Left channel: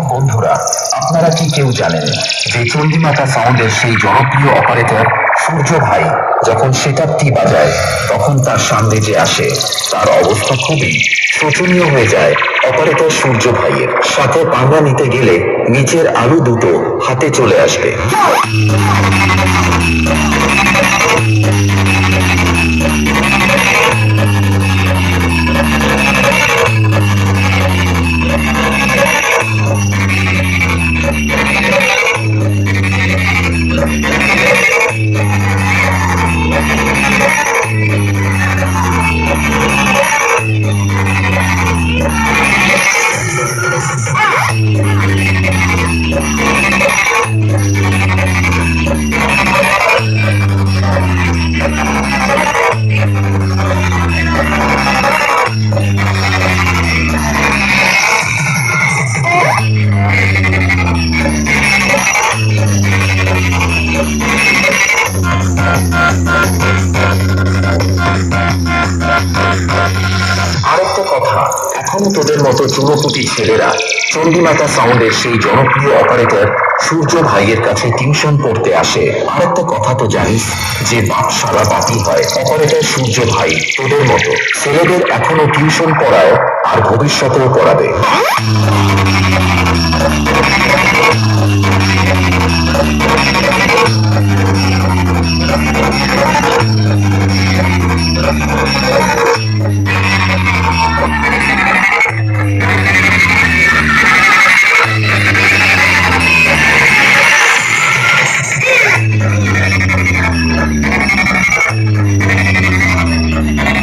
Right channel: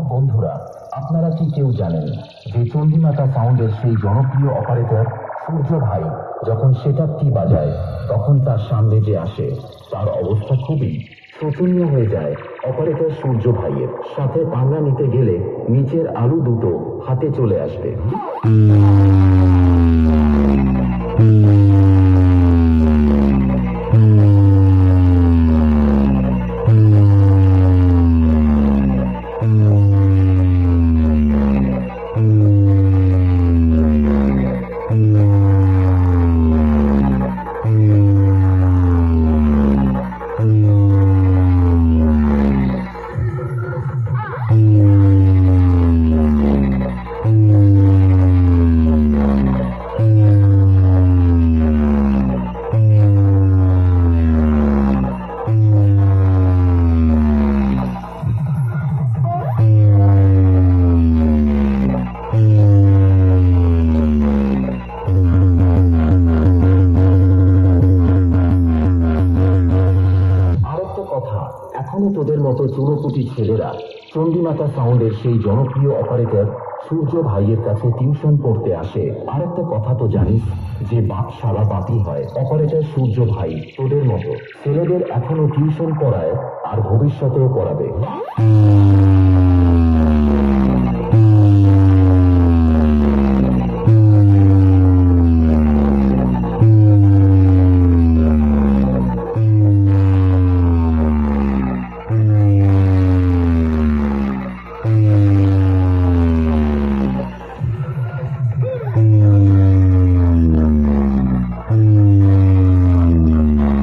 সব বন্ধুরা, আপনারা কি কেউ জানেন যে চণ্ডীমাতা সাউন্ডের সেই জনপ্রিয় অপারেটর সূর্য ভাই যখন সেটআপটি বাজায় তখন তার সামনে যে আসে তার অবস্থা খুবই শোচনীয় হয়ে যায়। অপারেটর সূর্য ভাইয়ের সাথে পাঙ্গা নিতে গেলে নিচের আলু দুটো হাতে চলে আসবে। আরেকটা কথা, এখনো তোদের মতো চুনোপুটি ছেলেরা চণ্ডীমাতা সাউন্ডের সেই জনপ্রিয় অপারেটর সূর্য ভাইয়ের কাছে টিউশন পড়তে আসে। আরেকটা কথা তো জানিস যে বাপ সারা বাপই হয়। অপারেটর সূর্য ভাই তোদের মতো ছেলেদের এখনো টিউশন পড়ায় আর ভবিষ্যতেও পড়াবে।